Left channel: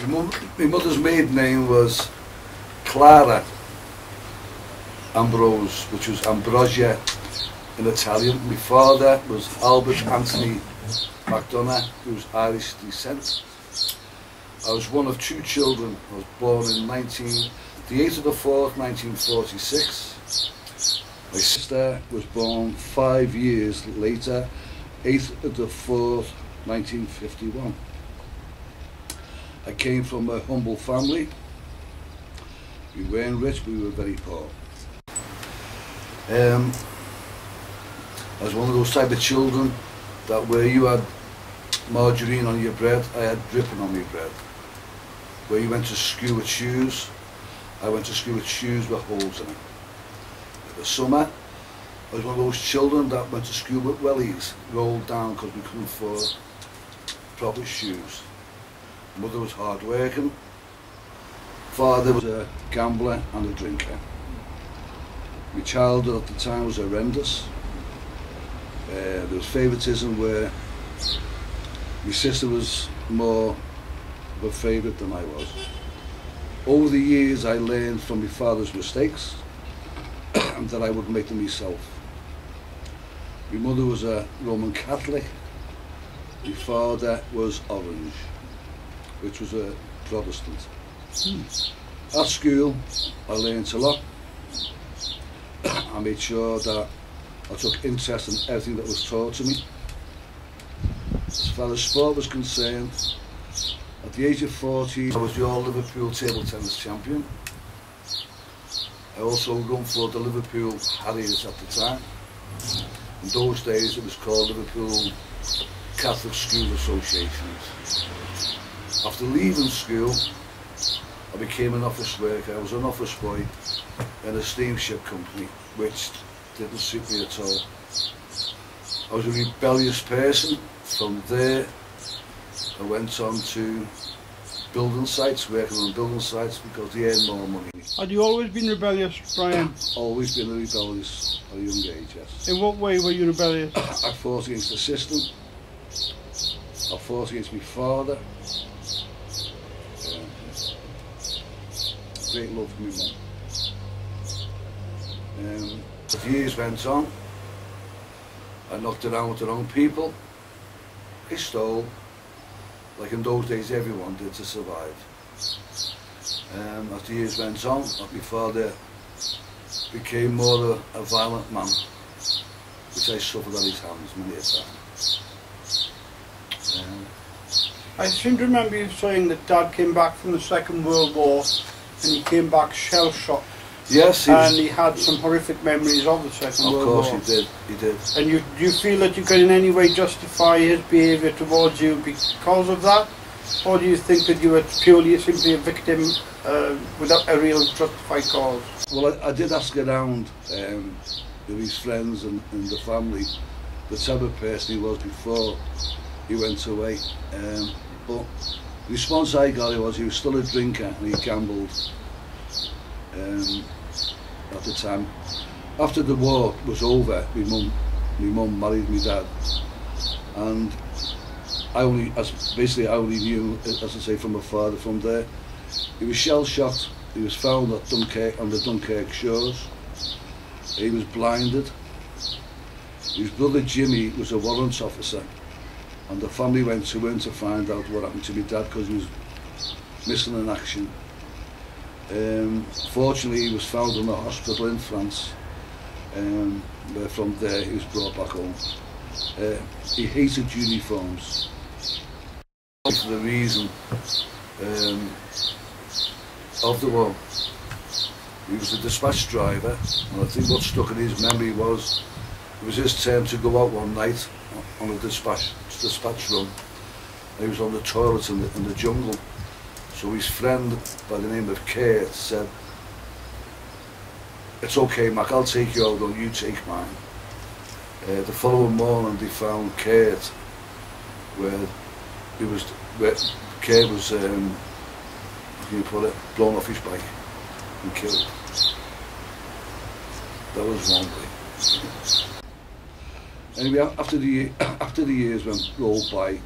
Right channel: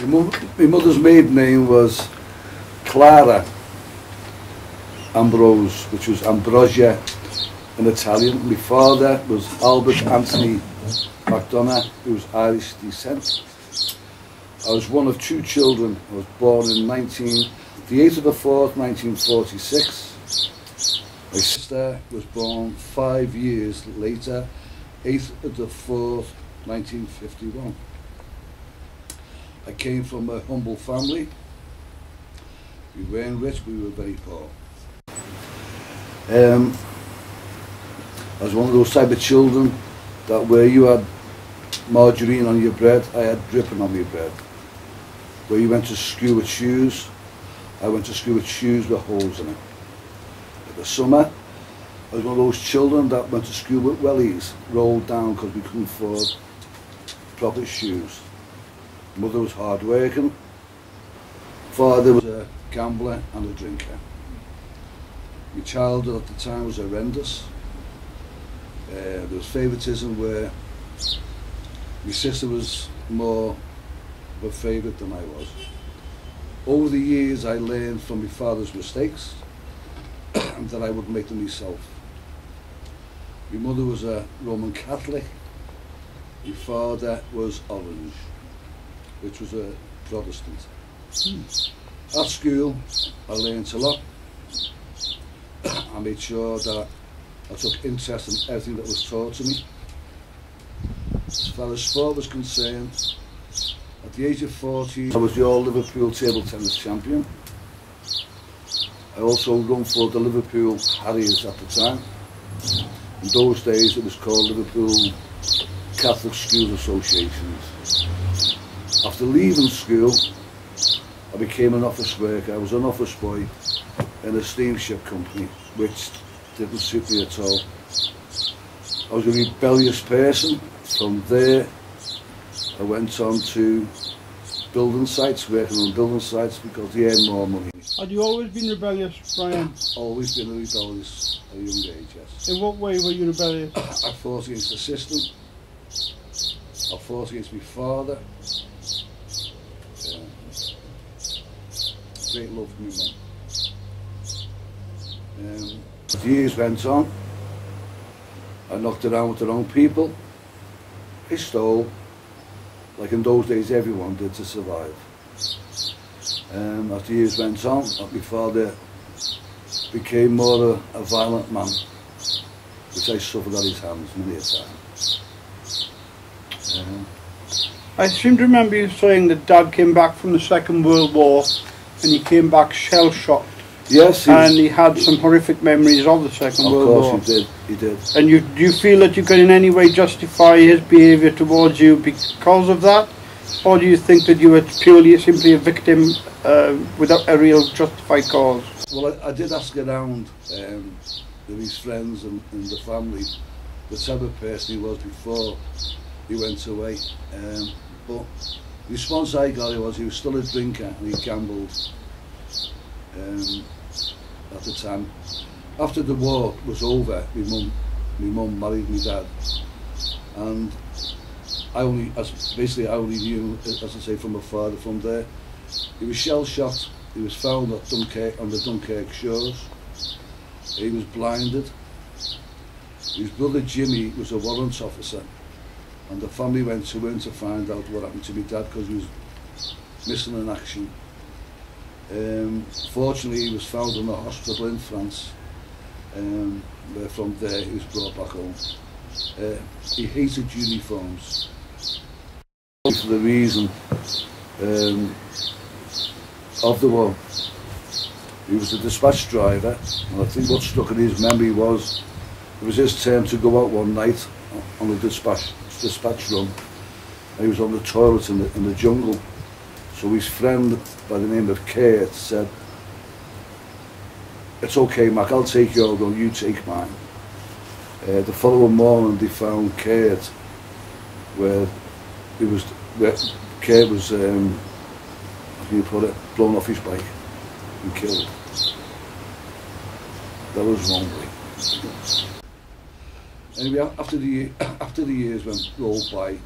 My mother's maiden name was Clara Ambrose, which was Ambrosia in Italian. My father was Albert Anthony MacDonough, who was Irish descent. I was one of two children. I was born in the 8th of the 4th, 1946. My sister was born 5 years later, 8th of the 4th, 1951. I came from a humble family. We weren't rich, but we were very poor. I was one of those type of children that where you had margarine on your bread, I had dripping on my bread. Where you went to school with shoes, I went to school with shoes with holes in it. In the summer, I was one of those children that went to school with wellies, rolled down because we couldn't afford proper shoes. Mother was hard working. Father was a gambler and a drinker. My childhood at the time was horrendous. There was favouritism where my sister was more of a favourite than I was. Over the years I learned from my father's mistakes and that I would make them myself. My mother was a Roman Catholic. My father was Orange, which was a Protestant. At school I learned a lot. I made sure that I took interest in everything that was taught to me. As far as sport was concerned, at the age of 14 I was the all-Liverpool table tennis champion. I also run for the Liverpool Harriers at the time. In those days it was called Liverpool Catholic Schools Associations. After leaving school, I became an office worker. I was an office boy in a steamship company, which didn't suit me at all. I was a rebellious person. From there, I went on to building sites, working on building sites because they earn more money. Had you always been rebellious, Brian? Always been rebellious at a young age, yes. In what way were you rebellious? I fought against the system. I fought against my father. Great love for my mum. As the years went on, I knocked around with the wrong people. I stole, like in those days everyone did to survive. As the years went on, my father became more a violent man, which I suffered at his hands many a time. I seem to remember you saying that Dad came back from the Second World War and he came back shell-shocked. Yes, he had some horrific memories of the Second World War. Of course he did. And do you feel that you can in any way justify his behaviour towards you because of that? Or do you think that you were simply a victim without a real justified cause? Well, I did ask around with his friends and the family the type of person he was before he went away. But the response I got was he was still a drinker and he gambled. At the time, after the war was over, my mum married my dad, and I only knew, as I say, from my father from there. He was shell-shocked. He was found at Dunkirk, on the Dunkirk shores. He was blinded. His brother Jimmy was a warrant officer, and the family went to him to find out what happened to my dad because he was missing in action. Fortunately, he was found in a hospital in France, where from there he was brought back home. He hated uniforms. For the reason of the war. He was a dispatch driver, and I think what stuck in his memory was it was his turn to go out one night on a dispatch run, and he was on the toilet in the jungle. So his friend by the name of Kurt said, "It's okay, Mac, I'll take your run, you take mine." The following morning they found Kurt where Kurt was, how can you put it, blown off his bike and killed. That was one way. Anyway, after the years rolled by,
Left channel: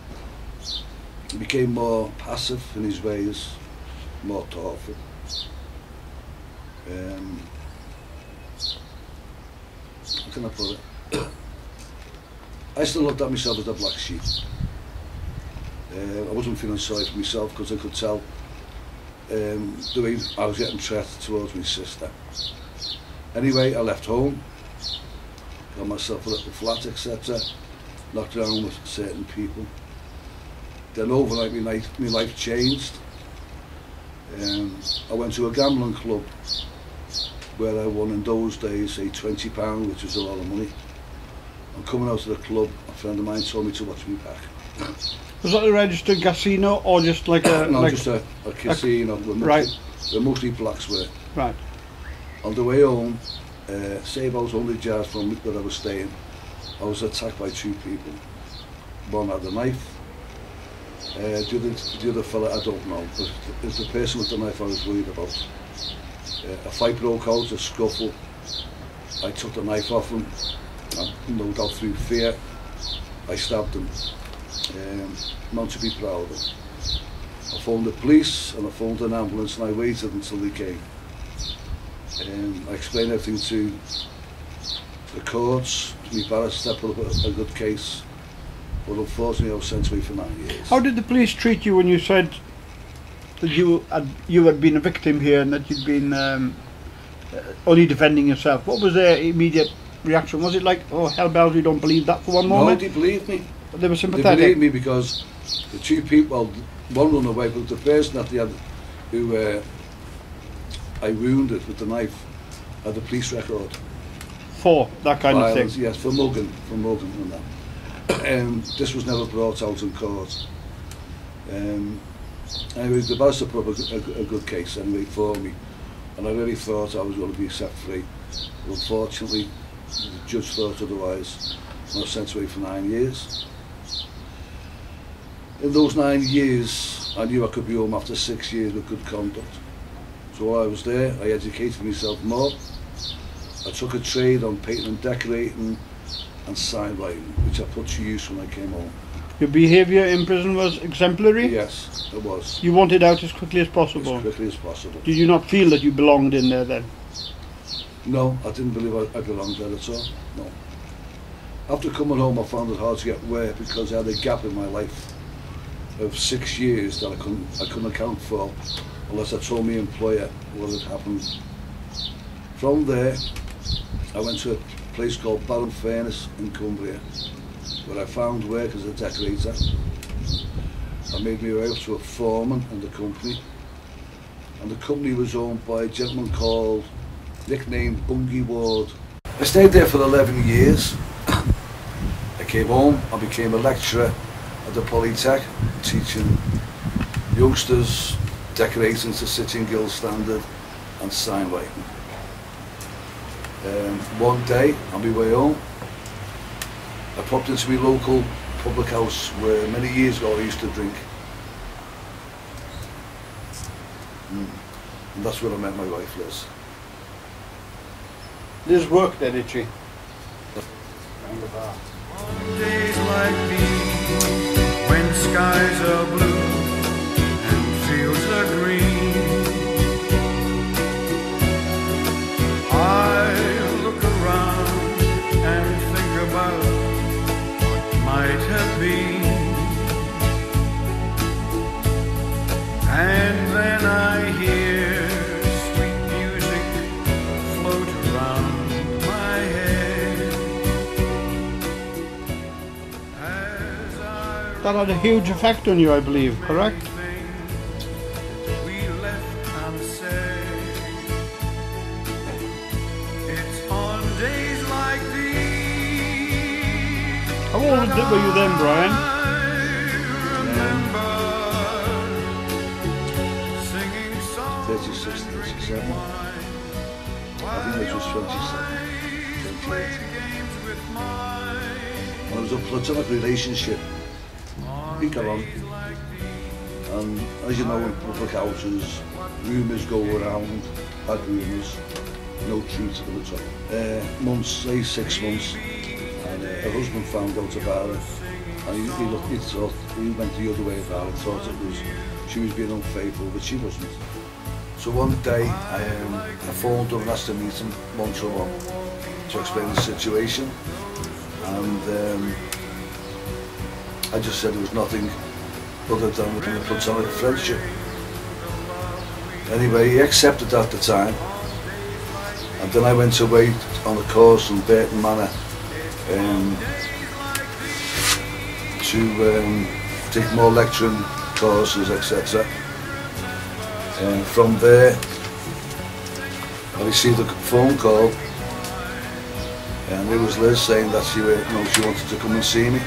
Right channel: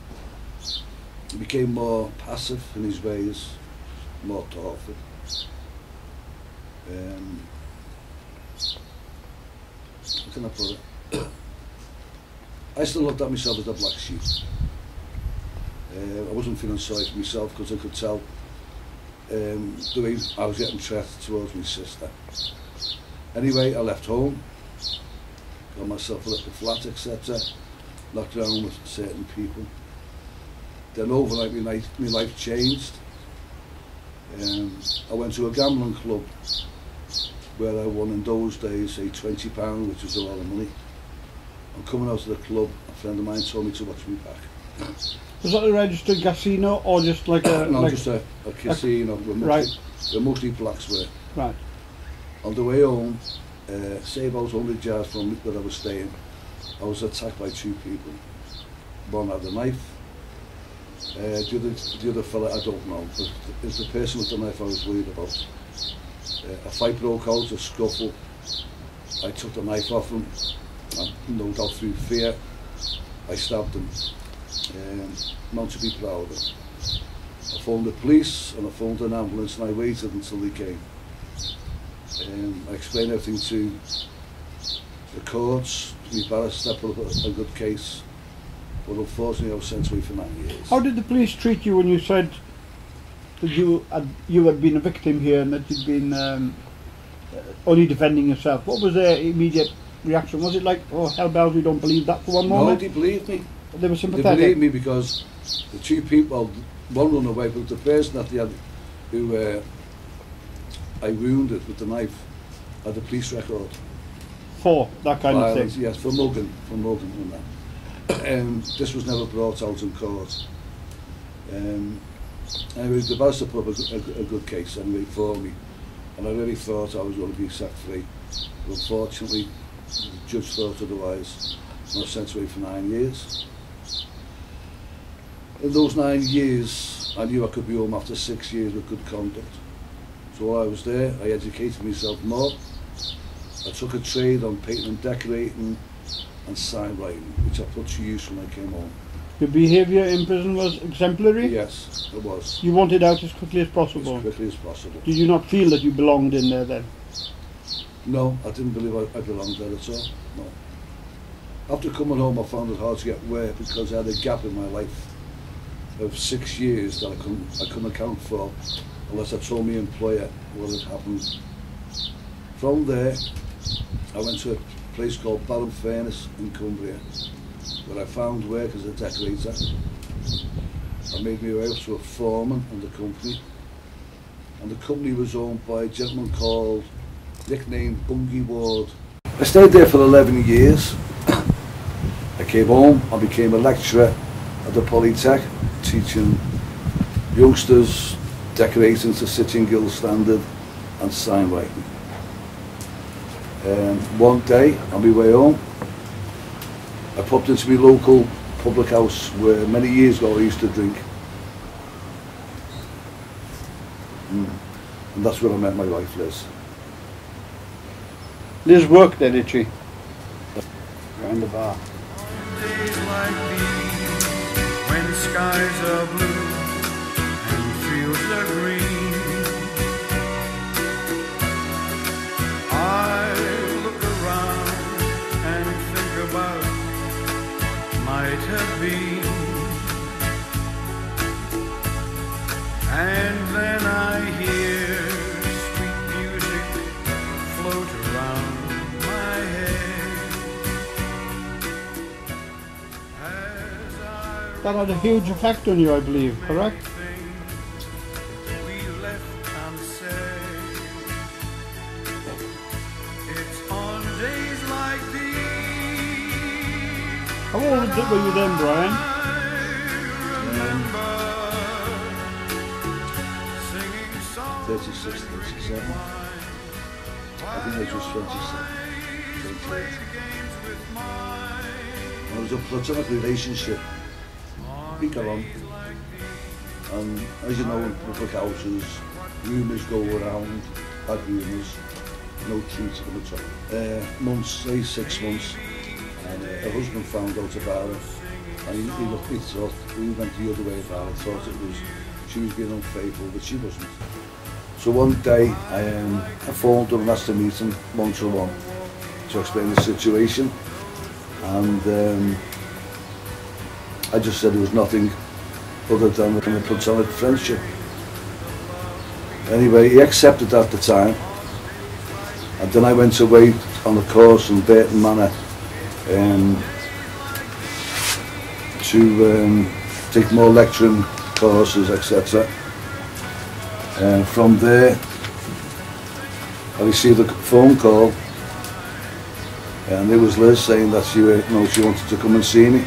He became more passive in his ways, more thoughtful. How can I put it? I still looked at myself as a black sheep. I wasn't feeling sorry for myself because I could tell the way I was getting treated towards my sister. Anyway, I left home, got myself a little flat, etc. Knocked around with certain people. Then overnight my life changed. I went to a gambling club where I won in those days, say £20, which was a lot of money. And coming out of the club, a friend of mine told me to watch me back. Was that a registered casino or just like a... No, like just a casino right. Where mostly blacks were. Right. On the way home, say about 100 yards from where I was staying, I was attacked by two people. One had a knife. The other fella, I don't know, but it was the person with the knife I was worried about. A fight broke out, a scuffle. I took the knife off him, and no doubt through fear, I stabbed him. Not to be proud of. I phoned the police and I phoned an ambulance and I waited until they came. I explained everything to the courts, to my barrister, put up a good case, but unfortunately I was sent away for 9 years. How did the police treat you when you said that you had been a victim here and that you'd been only defending yourself? What was their immediate reaction? Was it like, oh hell bells, we don't believe that for one moment? No, they believed me. They were sympathetic? They believed me because the two people, one run away, but the person that they had, who I wounded with the knife, had the police record. For that kind Violence, of thing? yes, for mugging and that. This was never brought out in court. Anyway, the barrister put up a good case anyway for me, and I really thought I was going to be set free. But unfortunately, the judge thought otherwise, and I was sent away for 9 years. In those 9 years, I knew I could be home after 6 years with good conduct. So while I was there, I educated myself more. I took a trade on painting and decorating and sign writing, which I put to use when I came home. Your behaviour in prison was exemplary? Yes, it was. You wanted out as quickly as possible? As quickly as possible. Did you not feel that you belonged in there then? No, I didn't believe I belonged there at all, no. After coming home, I found it hard to get work because I had a gap in my life of 6 years that I couldn't account for unless I told my employer what had happened. From there, I went to a place called Barron Furnace in Cumbria, where I found work as a decorator. I made my way up to a foreman in the company, and the company was owned by a gentleman called, nicknamed Bungie Ward. I stayed there for 11 years. I came home, I became a lecturer at the Polytech, teaching youngsters decorating to Sitting Guild standard and sign writing. One day, on my way home, I popped into my local public house where many years ago I used to drink. And that's where I met my wife, Liz. Liz worked there, did she? In the bar. On days like these, when skies are blue and fields are green, I look around and think about what might have been, and then I hear sweet music float around my head. That had a huge effect on you, I believe, correct? We left unsaid. It's on days like these. How old were you then, Brian? I remember singing songs 36, 37. I think I was 27, 28. When I was in a platonic relationship, we got on. And as you know, in public houses, rumours go around, bad rumours, no truth to them at all. Months, say 6 months, and her husband found out about it, and he thought, he went the other way about it, thought she was being unfaithful, but she wasn't. So one day I phoned her and asked to meet him one-to-one to explain the situation, and I just said there was nothing other than a platonic friendship. Anyway, he accepted at the time, and then I went away on a course in Burton Manor to take more lecturing courses, etc. From there, I received a phone call, and it was Liz saying that she wanted to come and see me,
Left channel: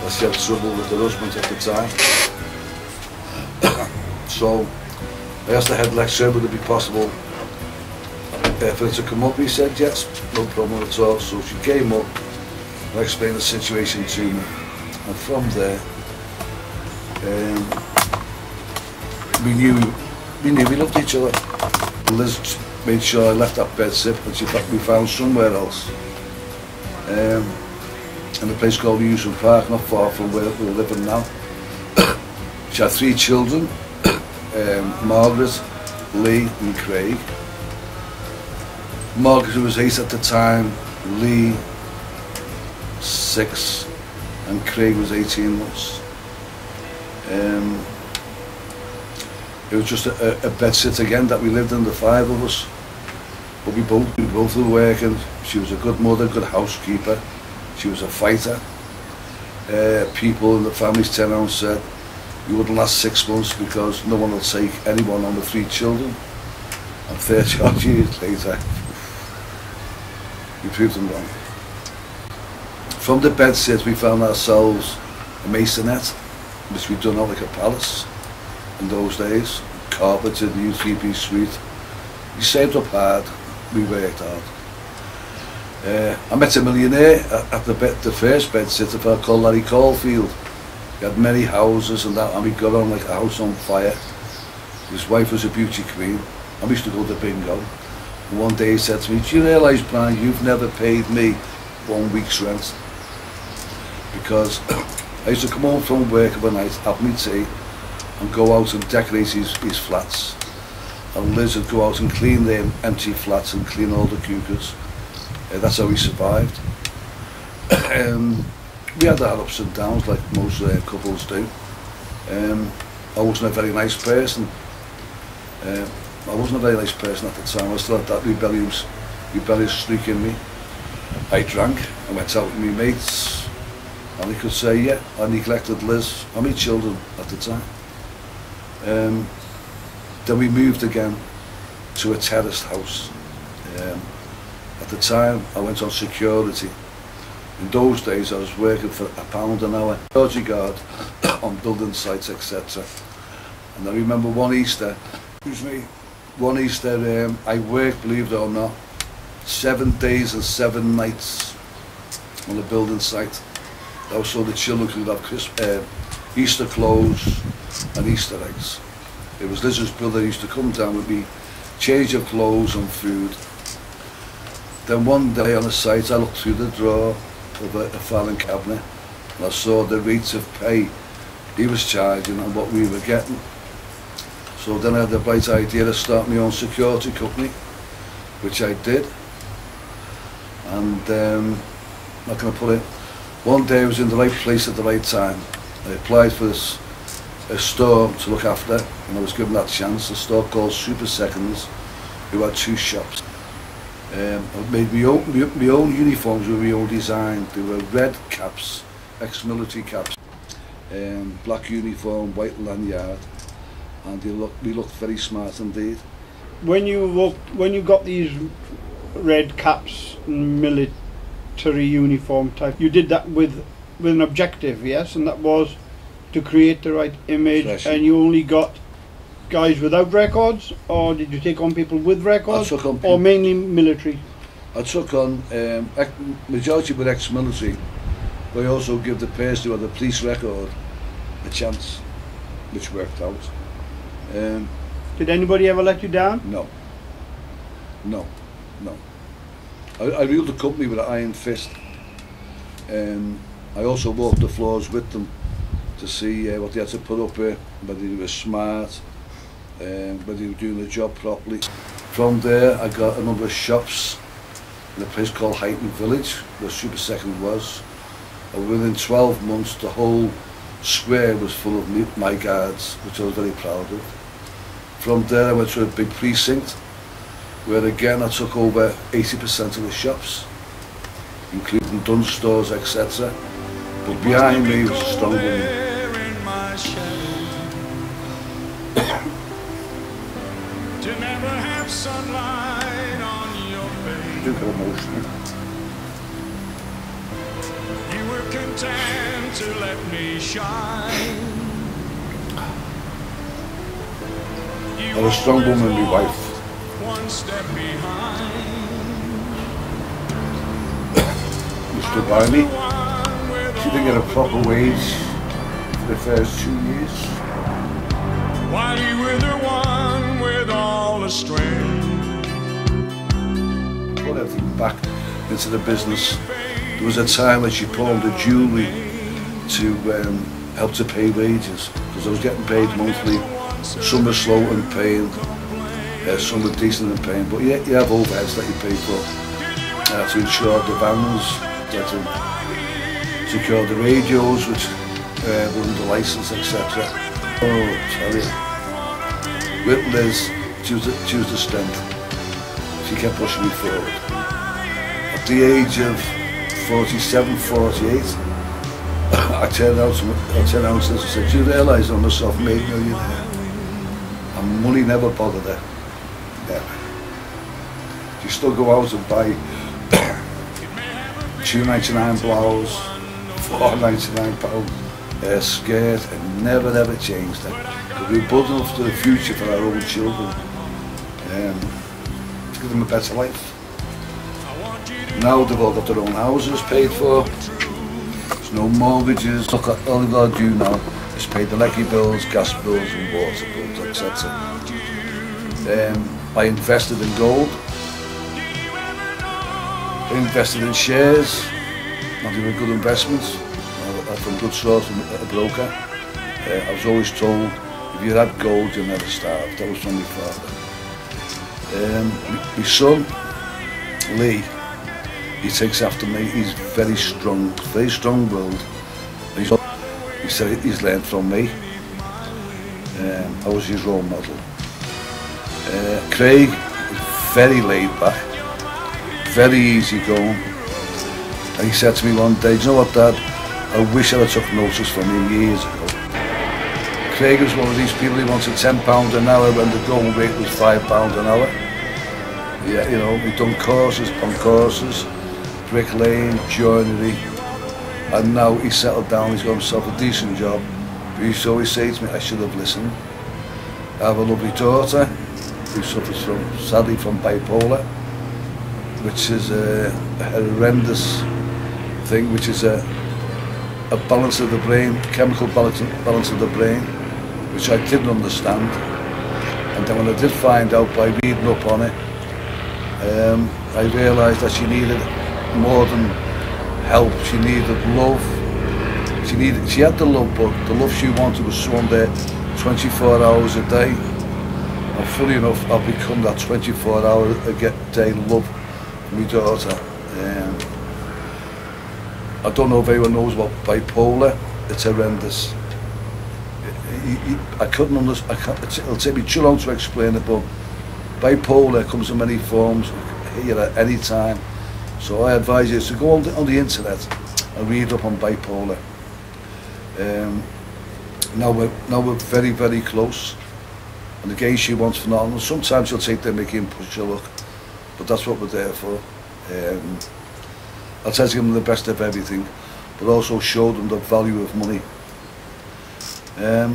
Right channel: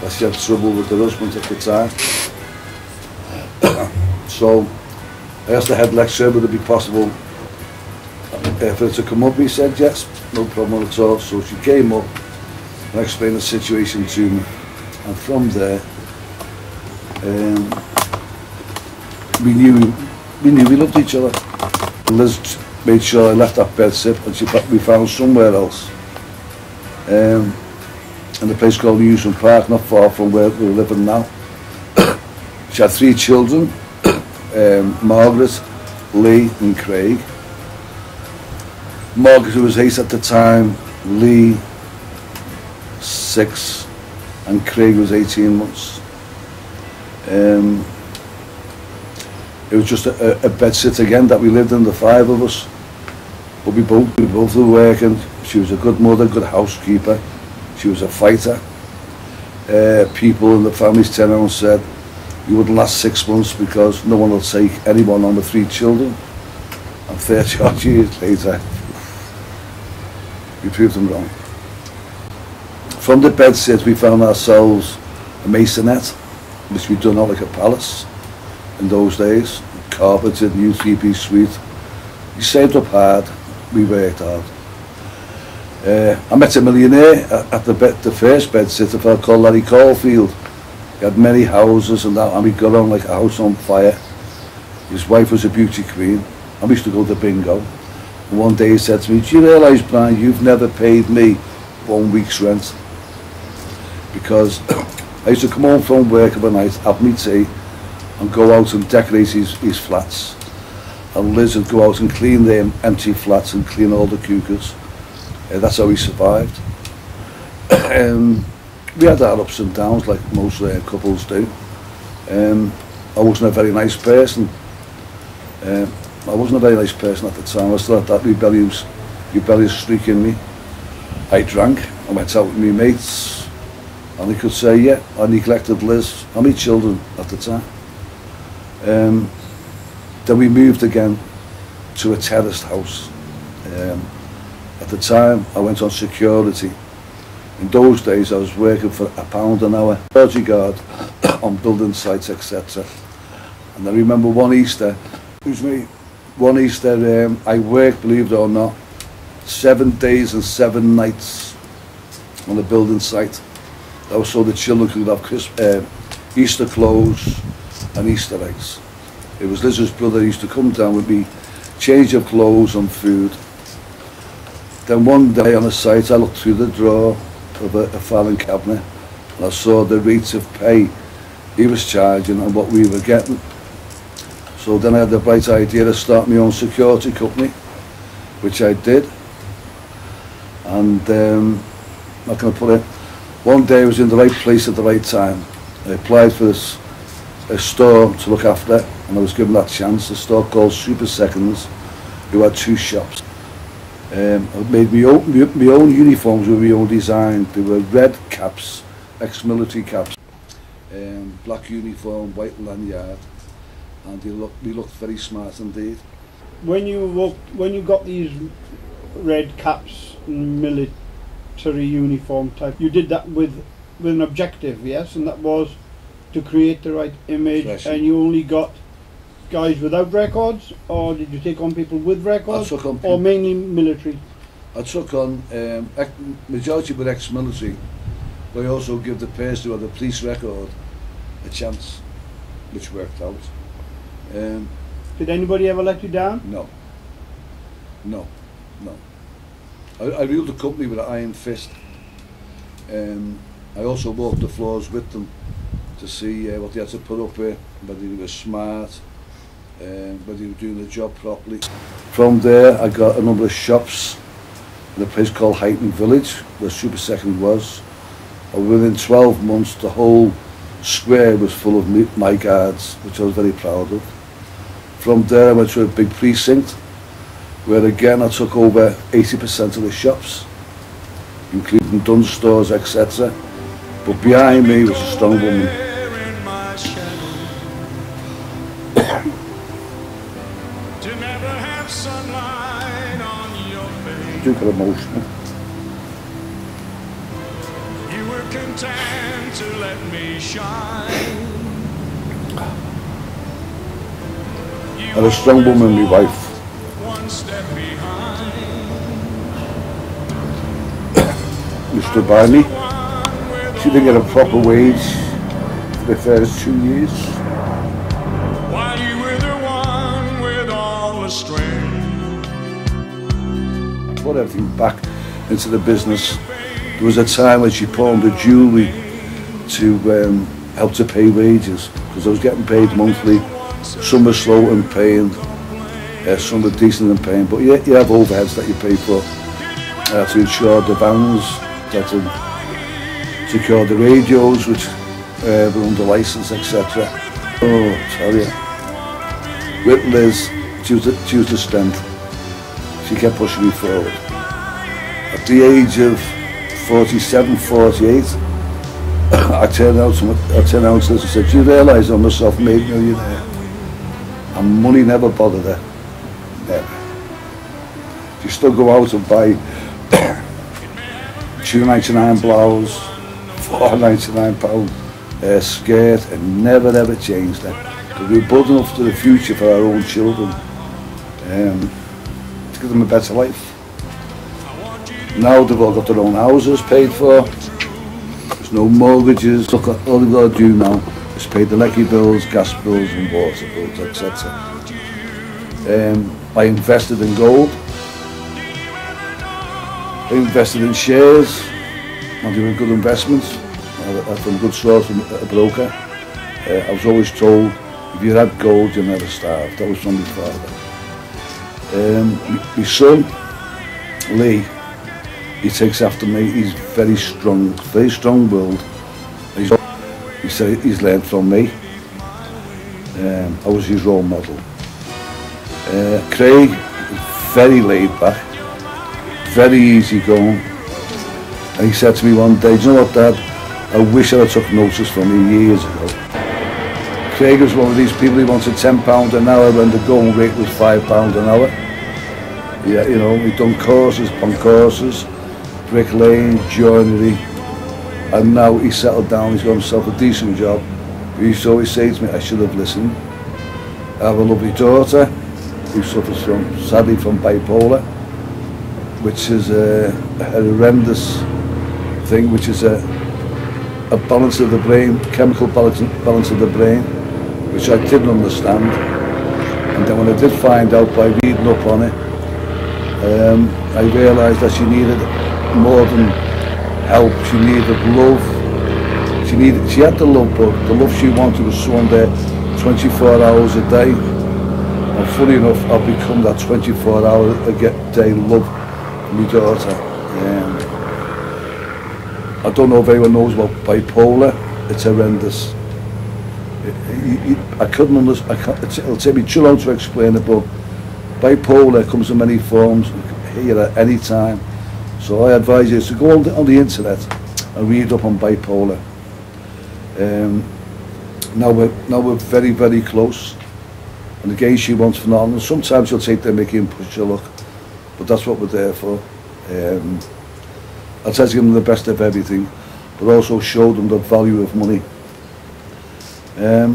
that she had trouble with her husband at the time. So I asked the head lecturer, would it be possible for her to come up? He said yes, no problem at all. So she came up and explained the situation to me, and from there we knew we loved each other. Liz made sure I left that bed sit, and we found somewhere else, in a place called Newsom Park, not far from where we're living now. She had 3 children, Margaret, Lee and Craig. Margaret was 8 at the time, Lee 6, and Craig was 18 months. It was just a bed sit again that we lived in, the 5 of us, but we both were working. She was a good mother, good housekeeper. She was a fighter. People in the family's tenants said we wouldn't last 6 months because no one will take anyone on with 3 children. And 30 odd years later, we proved them wrong. From the bed sit, we found ourselves a masonette, which we'd done out like a palace in those days, carpeted, new 3-piece suite. We saved up hard, we worked hard. I met a millionaire at the first bed sitter called Larry Caulfield. He had many houses and that, and we got on like a house on fire. His wife was a beauty queen, and we used to go to bingo. And one day he said to me, do you realise, Brian, you've never paid me 1 week's rent? Because I used to come home from work of a night, have me tea, and go out and decorate his flats. And Liz would go out and clean the empty flats and clean all the cookers. That's how we survived. We had our ups and downs like most couples do. I wasn't a very nice person. I wasn't a very nice person at the time. I still had that rebellious streak in me. I drank, I went out with my mates, and they could say, yeah, I neglected Liz and my children at the time. Then we moved again to a terraced house. At the time, I went on security. In those days, I was working for £1 an hour, security guard on building sites, etc. And I remember one Easter, I worked, believe it or not, 7 days and 7 nights on a building site. That was so the children could have Easter clothes and Easter eggs. It was Liz's brother who used to come down with me, change of clothes and food. Then one day on a site, I looked through the drawer of a filing cabinet, and I saw the rates of pay he was charging and what we were getting. So then I had the bright idea to start my own security company, which I did. And how can I put it? One day I was in the right place at the right time. I applied for a store to look after, and I was given that chance. A store called Super Seconds, who had 2 shops. I made my own uniforms with my own design. They were red caps, ex-military caps, black uniform, white lanyard, and we looked very smart indeed. When you got these red caps, military uniform type, you did that with an objective, yes, and that was to create the right image. Flashing. And you only got guys without records, or did you take on people with records, or mainly military? I took on majority were ex-military, but I also give the person who had the police record a chance, which worked out. Did anybody ever let you down? No. I ruled the company with an iron fist. I also walked the floors with them to see what they had to put up with, whether they were smart, whether they were doing the job properly. From there I got a number of shops in a place called Highton Village, where Super Second was. And within 12 months the whole square was full of my guards, which I was very proud of. From there I went to a big precinct, where again I took over 80% of the shops, including Dunn stores, etc. But behind me was a strong woman. To never have sunlight on your face. I do get emotional. You were content to let me shine. You And a strong woman, my wife. One step behind. Who stood by me. She didn't get a proper wage for the first 2 years. While you were the one with all the strength. Put everything back into the business. There was a time when she pawned the jewellery to help to pay wages, because I was getting paid monthly. Some were slow in paying, some were decent in paying, but you have overheads that you pay for. To insure the vans, to secure the radios, which were under license, etc. Oh, I tell you. With Liz, she was the strength. She kept pushing me forward. At the age of 47, 48, I turned out to Liz and said, "Do you realise I'm a self-made millionaire?" And money never bothered her. Never. She still go out and buy £2.99 blouse, £4.99 skirt, and never ever changed her. Because we were building up to the future for our own children, to give them a better life. Now they've all got their own houses paid for. There's no mortgages. Look, all they've got to do now is pay the electric bills, gas bills and water bills, etc. I invested in gold. I invested in shares. I'm doing good investments. From a good source, from a broker. I was always told, if you had gold, you'll never starve. That was from my father. My son, Lee, he takes after me. He's very strong-willed. He said he's learned from me. I was his role model. Craig is very laid back, very easy going. And he said to me one day, "Do you know what, Dad? I wish I took notice from you years ago." Craig was one of these people who wanted £10 an hour when the going rate was £5 an hour. Yeah, you know, he'd done courses upon courses, bricklaying, joinery, and now he's settled down, he's got himself a decent job. But he used to always say to me, "I should have listened." I have a lovely daughter who suffers sadly from bipolar, which is a horrendous thing, which is a balance of the brain, chemical balance of the brain, which I didn't understand. And then when I did find out by reading up on it, I realised that she needed more than help. She needed love. She had the love, but the love she wanted was someone there 24 hours a day. And funny enough, I've become that 24-hour a day love for my daughter. I don't know if anyone knows about bipolar. It's horrendous. I couldn't understand. It'll take me too long to explain it, but bipolar comes in many forms, here at any time. So I advise you to go on the internet and read up on bipolar. Now we're very, very close. And again, she wants phenomenal. Sometimes she'll take the mickey and push her luck, but that's what we're there for. I try to give them the best of everything, but also show them the value of money. I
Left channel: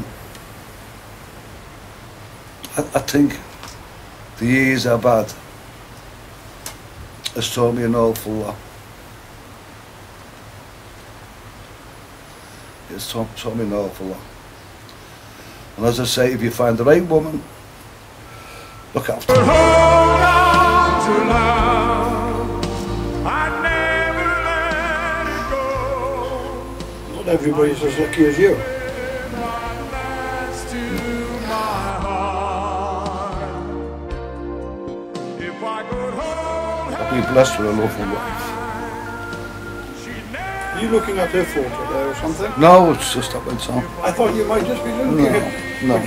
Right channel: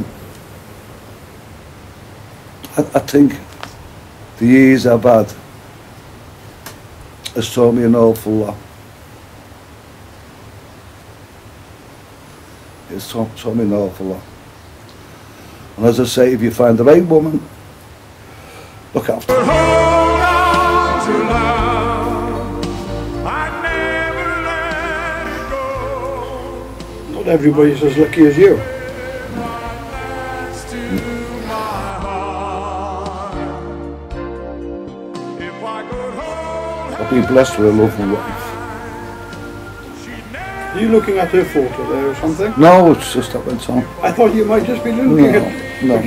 think the years I've had has taught me an awful lot. It's taught me an awful lot. And as I say, if you find the right woman, look after her. Hold on to love. I never let it go. Not everybody's as lucky as you. I've been blessed with a lovely wife. Are you looking at her photo there or something? No, it's just that went on. I thought you might just be looking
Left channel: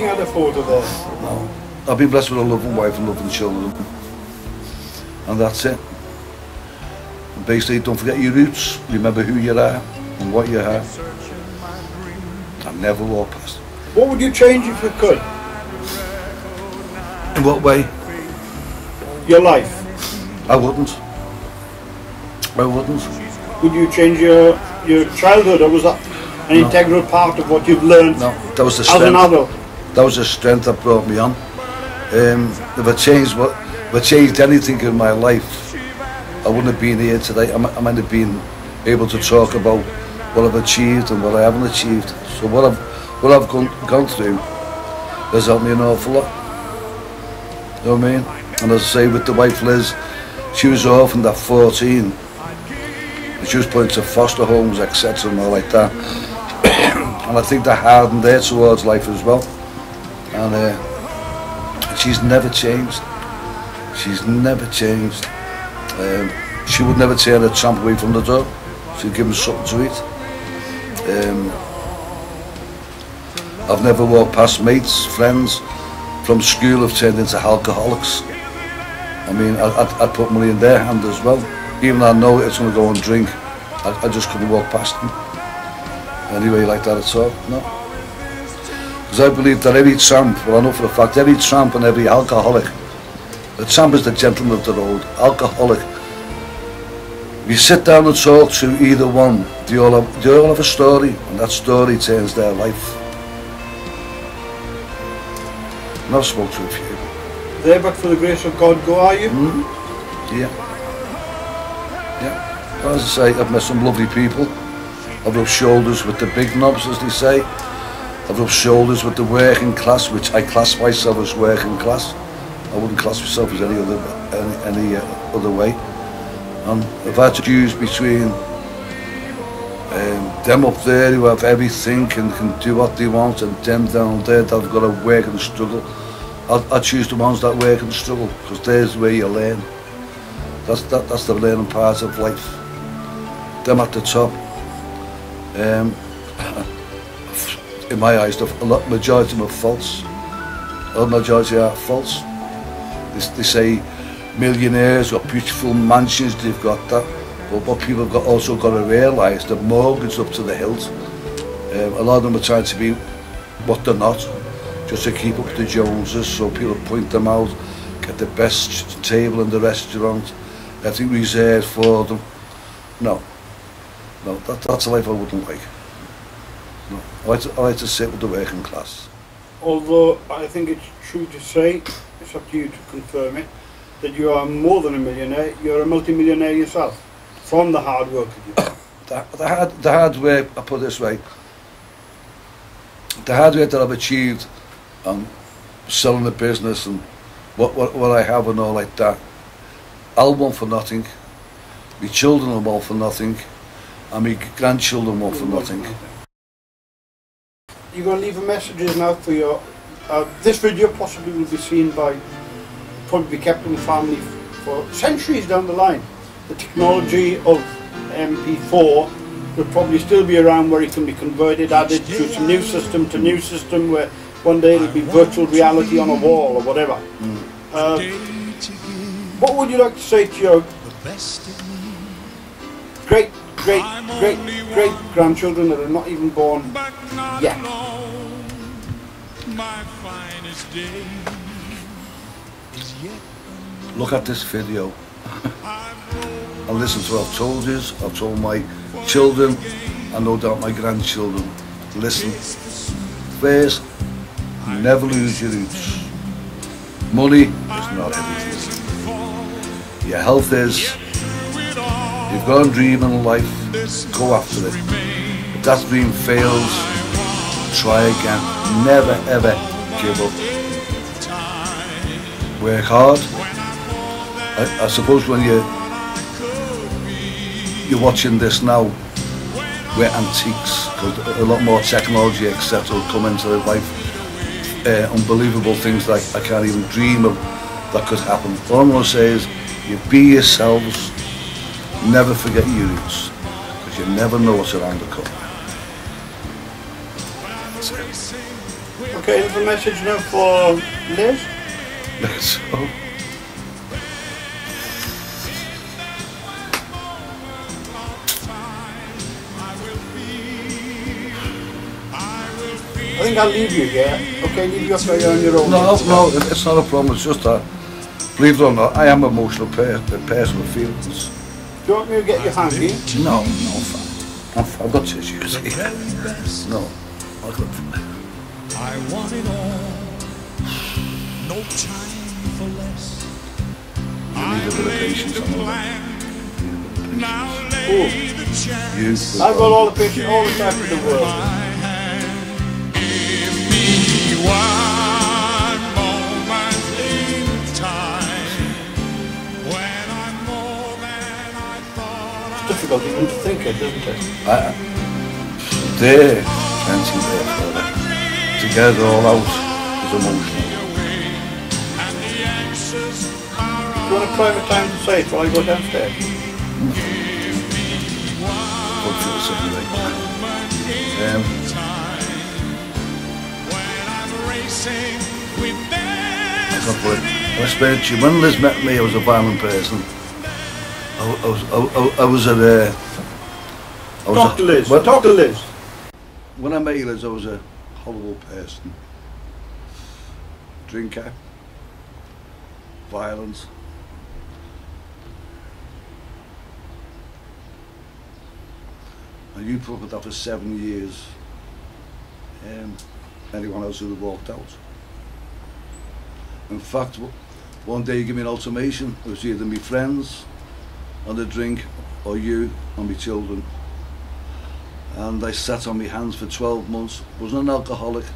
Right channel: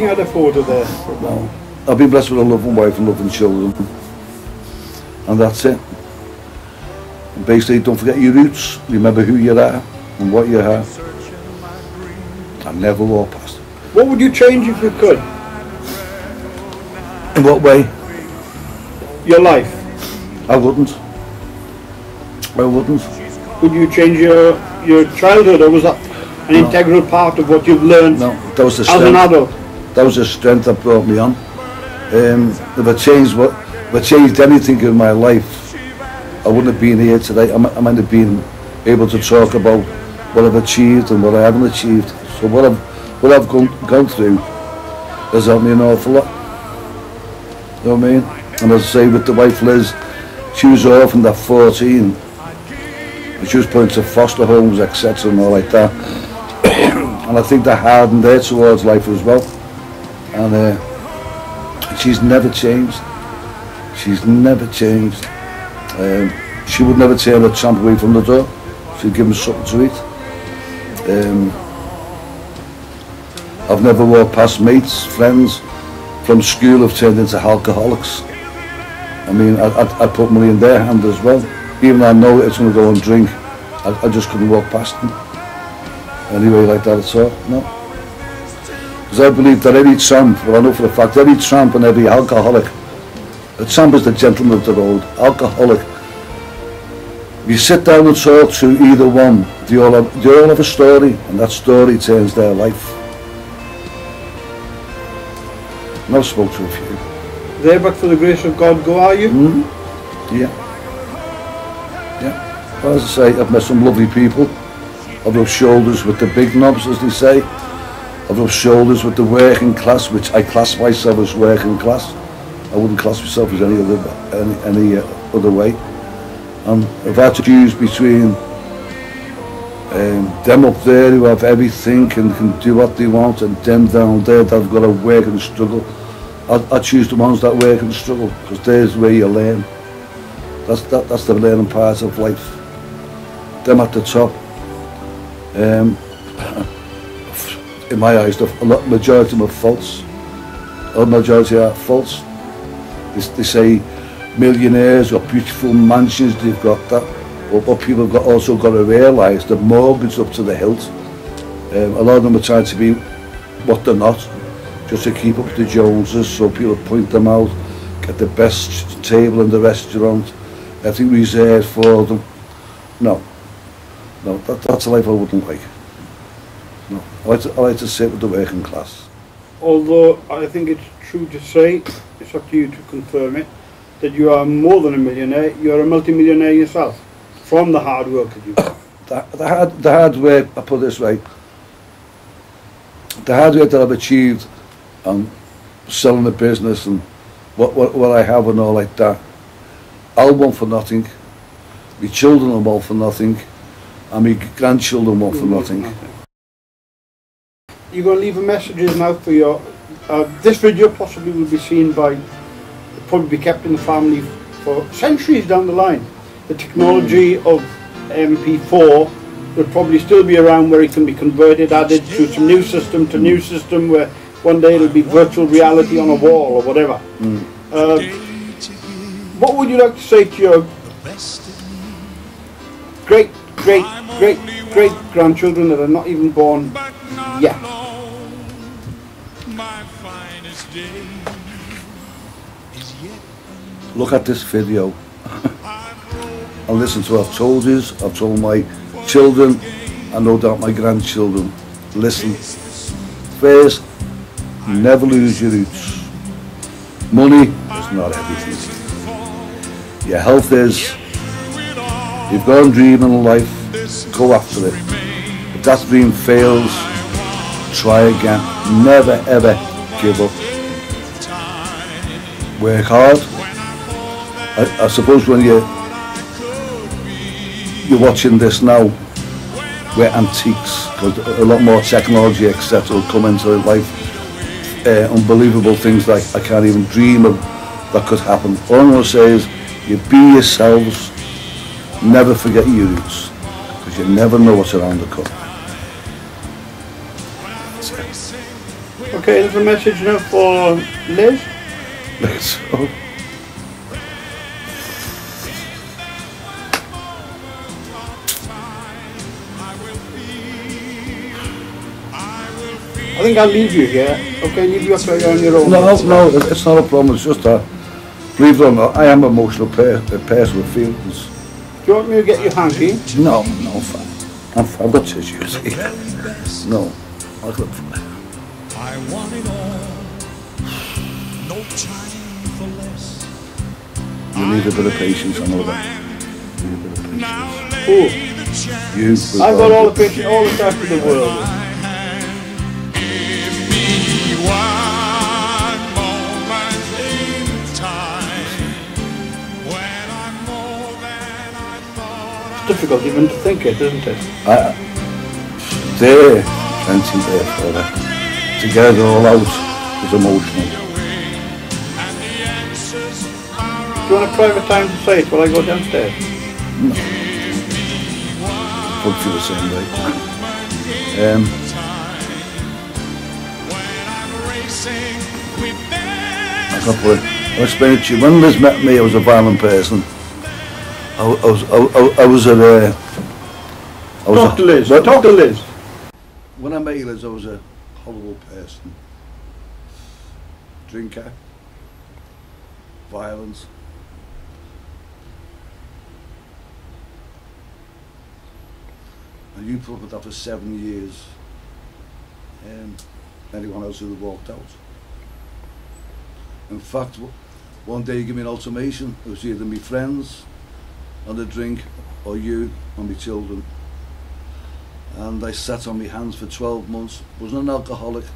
at a photo there. No. I've been blessed with a loving wife and loving children. And that's it. And basically, don't forget your roots. Remember who you are and what you are. And never walk past. What would you change if you could? In what way? Your life. I wouldn't. I wouldn't. Would you change your childhood, or was that an integral part of what you've learned? No, that was the as an strength. adult? That was the strength that brought me on. If I changed anything in my life, I wouldn't have been here today. I might have been able to talk about what I've achieved and what I haven't achieved. So what I've gone through has helped me an awful lot. You know what I mean? And as I say, with the wife Liz, she was orphaned at 14. And she was put into foster homes, etc. and all like that. And I think that hardened her towards life as well. And she's never changed. She's never changed. She would never turn a tramp away from the door. She'd give him something to eat. I've never walked past mates, friends from school who've turned into alcoholics. I mean, I'd put money in their hand as well. Even though I know it's going to go and drink, I just couldn't walk past them. Anyway, like that at all, no. Because I believe that every tramp, well I know for a fact, every tramp and every alcoholic, a tramp is the gentleman of the road, alcoholic. If you sit down and talk to either one, they all have a story, and that story turns their life. And I've spoken to a few. There, but for the grace of God, go are you? Mm-hmm. Yeah. Yeah. Well, as I say, I've met some lovely people. I've rubbed shoulders with the big knobs, as they say. I've rubbed shoulders with the working class, which I class myself as working class. I wouldn't class myself as any other way. And I've had to choose between them up there who have everything and can do what they want, and them down there that have got to work and struggle. I choose the ones that work and struggle, because there's where you learn. That's the learning part of life. Them at the top. In my eyes, the majority of them are false. The majority are false. They say millionaires got beautiful mansions, they've got that. But what people have also got to realise, the mortgage up to the hilt. A lot of them are trying to be what they're not, just to keep up with the Joneses, so people point them out, get the best table in the restaurant, everything reserved for them. No, that's a life I wouldn't like. No, I like to sit with the working class. Although I think it's true to say, it's up to you to confirm it, that you are more than a millionaire, you're a multi-millionaire yourself, from the hard work of you. The hard work, I put it this way, the hard work that I've achieved, selling the business and what I have and all like that, I'll want for nothing, my children will want for nothing, and my grandchildren want for nothing. You're going to leave a message now for your... this video possibly will be seen by... probably be kept in the family for centuries down the line. The technology of MP4 will probably still be around, where it can be converted, added to new system, where one day it'll be virtual reality on a wall or whatever. What would you like to say to your great grandchildren that are not even born yet? Look at this video and listen to what I've told you, I've told my children and no doubt my grandchildren. Listen. First, never lose your roots. Money is not everything. Your health is. You've got a dream in life, go after it. If that dream fails, try again. Never ever give up. Work hard. I suppose when you're watching this now, we're antiques, because a lot more technology, etc., will come into life. Unbelievable things that I can't even dream of that could happen. All I'm going to say is, you be yourselves, never forget your roots, because you never know what's around the corner. That's it. Okay, there's a message now for Liz. Let's go. I think I'll leave you here. Okay, leave you up there on your own. No, it's not a problem. It's just that, believe it or not, I am an emotional person with feelings. Do you want me to get your hanky? No, I'm fine. I've got tissues here. No, I'll look for it. I want it all, no time for less. You need a bit of patience, I know that. You need a bit of patience. You, I've got all the patience, all the time in the world. Give me one moment in time when I'm more than I thought I Difficult even to think of, isn't it? There, plenty there for that. To get it all out is emotional. Do you want to climb a time and say it while I go downstairs? No. Would feel the same way. I can't put it. I'll explain it to you. When Liz met me, I was a violent person. I was at a... Talk to Liz. Talk to Liz. When I met Liz, I was a horrible person. Drinker. Violent. And you put up with that for 7 years. Anyone else would have walked out. In fact, one day you give me an ultimatum. It was either me friends on the drink or you and my children. And I sat on my hands for 12 months. Wasn't an alcoholic.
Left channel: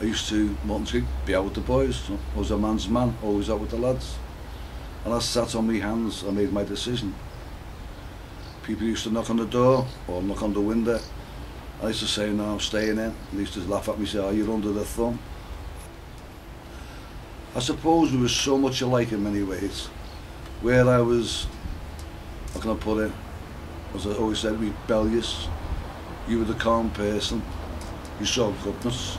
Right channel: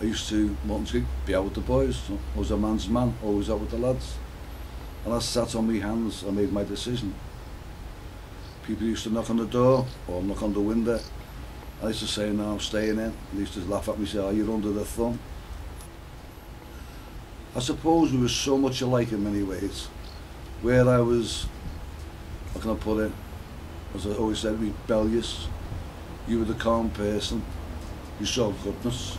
I used to want to be out with the boys. So I was a man's man, always out with the lads. And I sat on my hands. I made my decision. People used to knock on the door or knock on the window. I used to say, no, I'm staying in. They used to laugh at me and say, oh, you're under the thumb. I suppose we were so much alike in many ways. Where I was, how can I put it, as I always said, rebellious. You were the calm person. You saw goodness.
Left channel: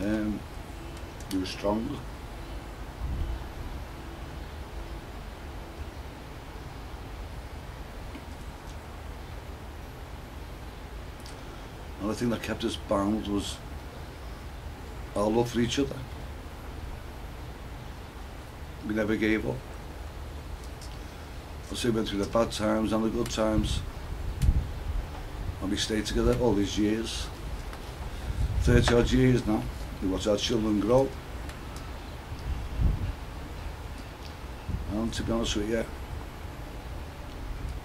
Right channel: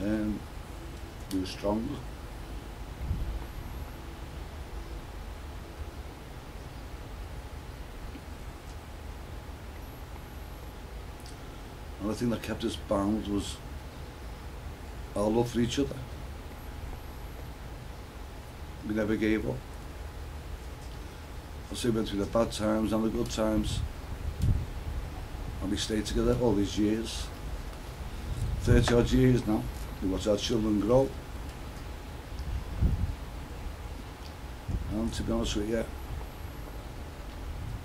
You were stronger. And the thing that kept us bound was our love for each other. We never gave up. I say we went through the bad times and the good times. And we stayed together all these years. 30 odd years now. We watch our children grow. And to be honest with you,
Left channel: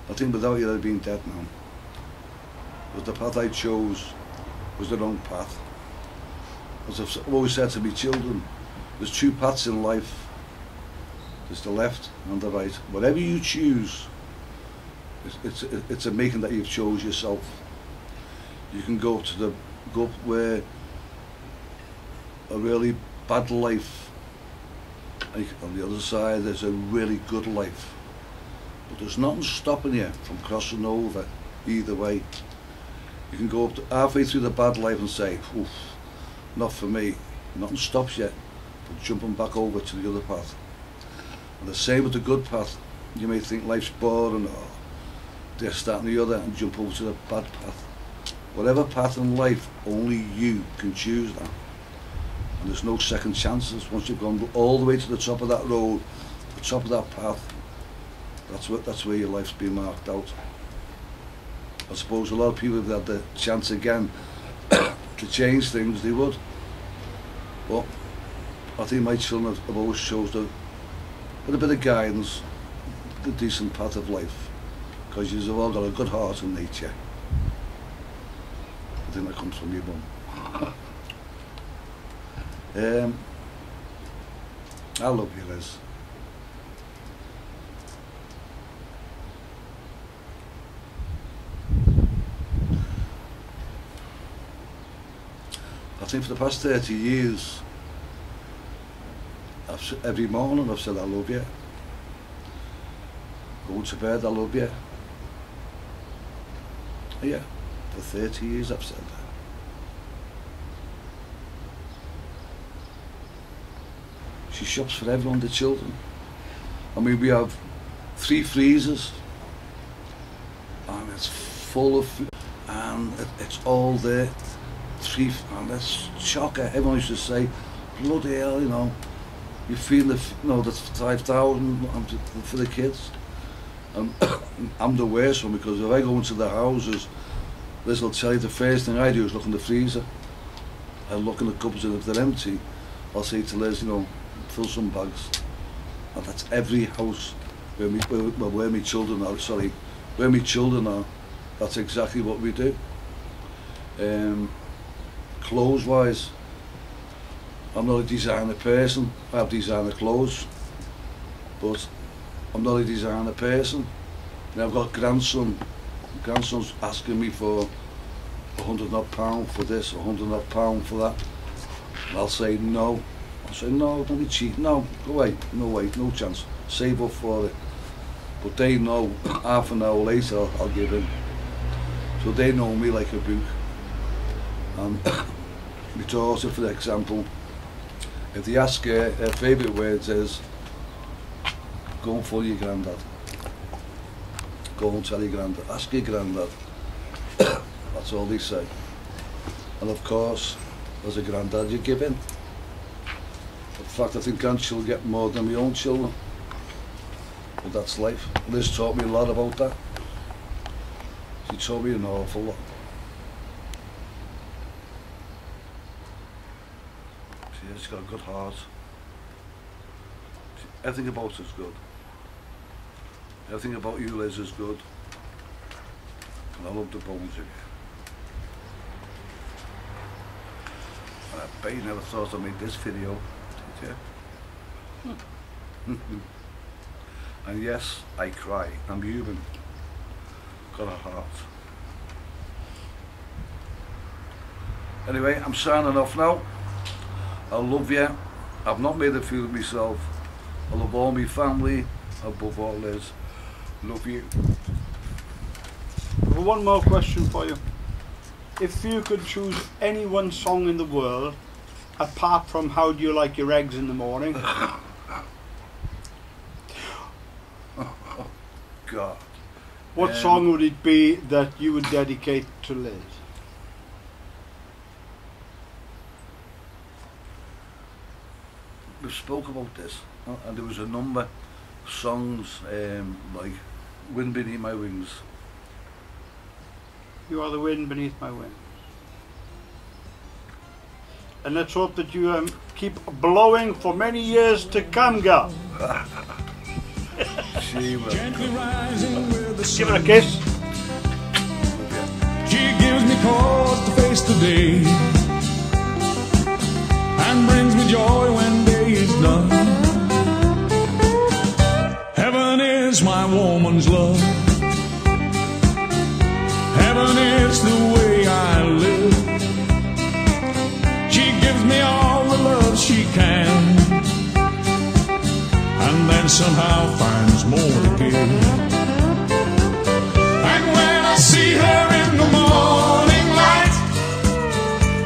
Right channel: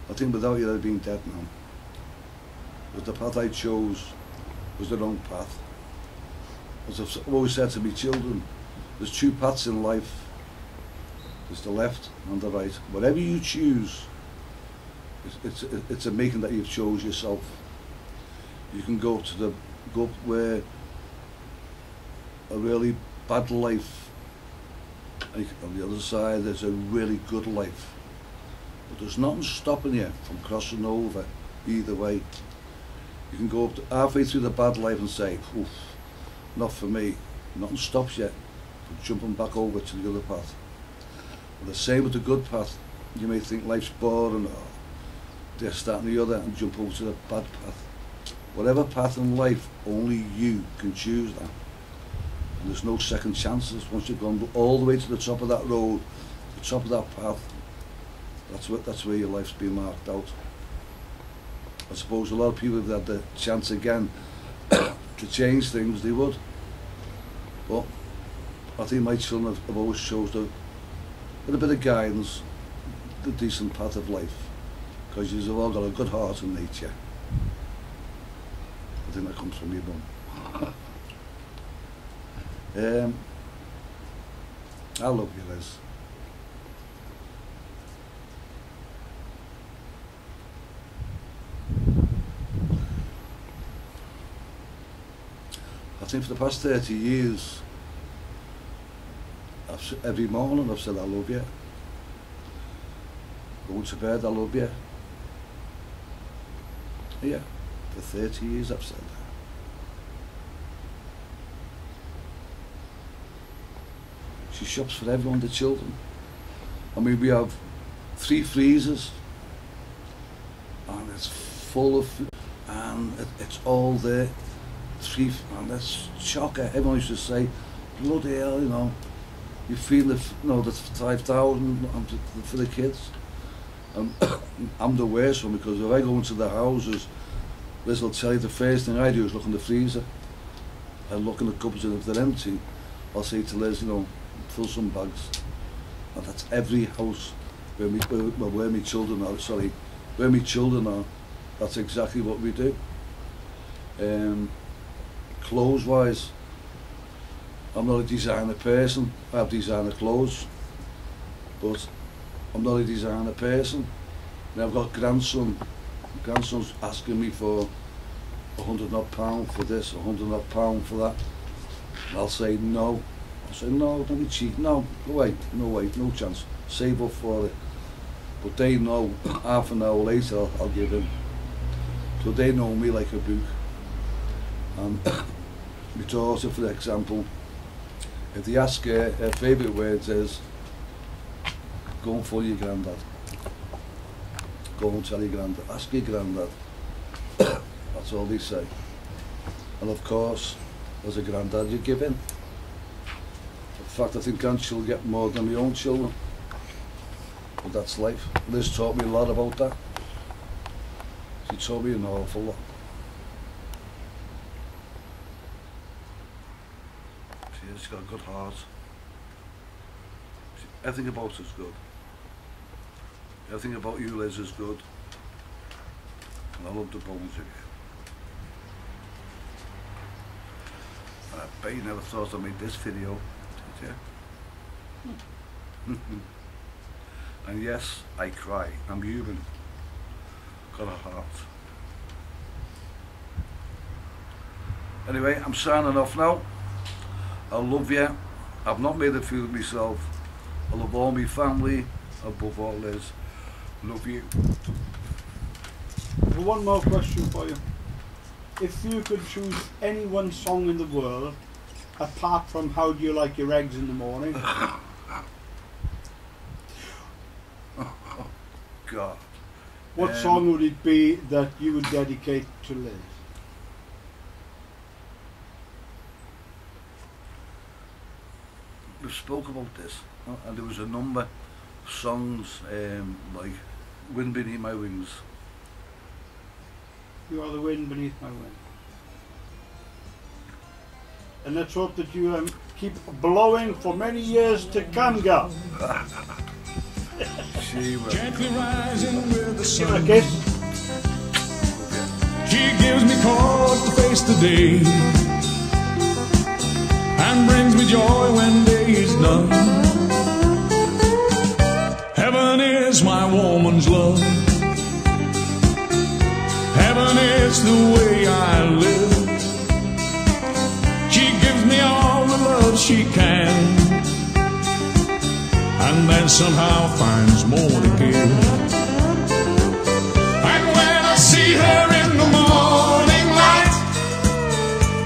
I think without you I'd have been dead now. Because the path I chose was the wrong path. As I've always said to my children, there's two paths in life. There's the left and the right. Whatever you choose, it's a making that you've chose yourself. You can go up where a really bad life, and on the other side there's a really good life. But there's nothing stopping you from crossing over either way. You can go up halfway through the bad life and say, oof, not for me. Nothing stops you from jumping back over to the other path. And the same with the good path. You may think life's boring or this, that and the other, and jump over to the bad path. Whatever path in life, only you can choose that. And there's no second chances. Once you've gone all the way to the top of that road, the top of that path, that's where your life's been marked out. I suppose a lot of people, if they had the chance again to change things, they would. But I think my children have always chosen with a bit of guidance, the decent path of life, because you've all got a good heart and nature. I think that comes from your mum. I love you, Liz. I think for the past 30 years, every morning I've said I love you. Going to bed, I love you. Yeah, for 30 years I've said that. She shops for everyone, the children. I mean, we have 3 freezers, and it's full of food, and it's all there. And that's shocker. Everyone used to say, bloody hell, you know, you feel the, you know, the 5,000 for the kids. I'm the worst one, because if I go into the houses, Liz will tell you the first thing I do is look in the freezer. I look in the cupboards, and if they're empty, I'll say to Liz, you know, fill some bags. And that's every house where my children are, sorry, where my children are, that's exactly what we do. Clothes wise, I'm not a designer person. I have designer clothes, but I'm not a designer person. And I've got grandson's asking me for £100 odd for this, £100 odd for that. And I'll say no. I'll say no, don't be cheap. No, go away. No way, no chance. Save up for it. But they know half an hour later I'll give in. So they know me like a book. And my daughter, for example, if they ask her favourite words is, go and phone your granddad. Go and tell your granddad. Ask your granddad. That's all they say. And of course, as a granddad, you give in. In fact, I think grandchildren get more than my own children. But that's life. Liz taught me a lot about that. She taught me an awful lot. She's got a good heart. Everything about her is good. Everything about you, Liz, is good. And I love the bones of you. And I bet you never thought I'd make this video, did you? And yes, I cry. I'm human. Got a heart. Anyway, I'm signing off now. I love you. I've not made a fool of myself. I love all my family, above all Liz. Love you. One more question for you. If you could choose any one song in the world, apart from How Do You Like Your Eggs in the Morning? Oh, God. What song would it be that you would dedicate to Liz? We spoke about this, and there was a number of songs like Wind Beneath My Wings. You are the wind beneath my wings. And let's hope that you keep blowing for many years to come, girl. She will. Gently rising with the Give her a sun. kiss. She gives me cause to face the day and brings me joy when day is done. Heaven is my woman's love. Heaven is the way I live. She gives me all the love she can, and then somehow finds more to give. And when I see her in the morning light,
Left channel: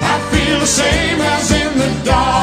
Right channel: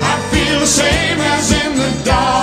I feel the same as in the dark.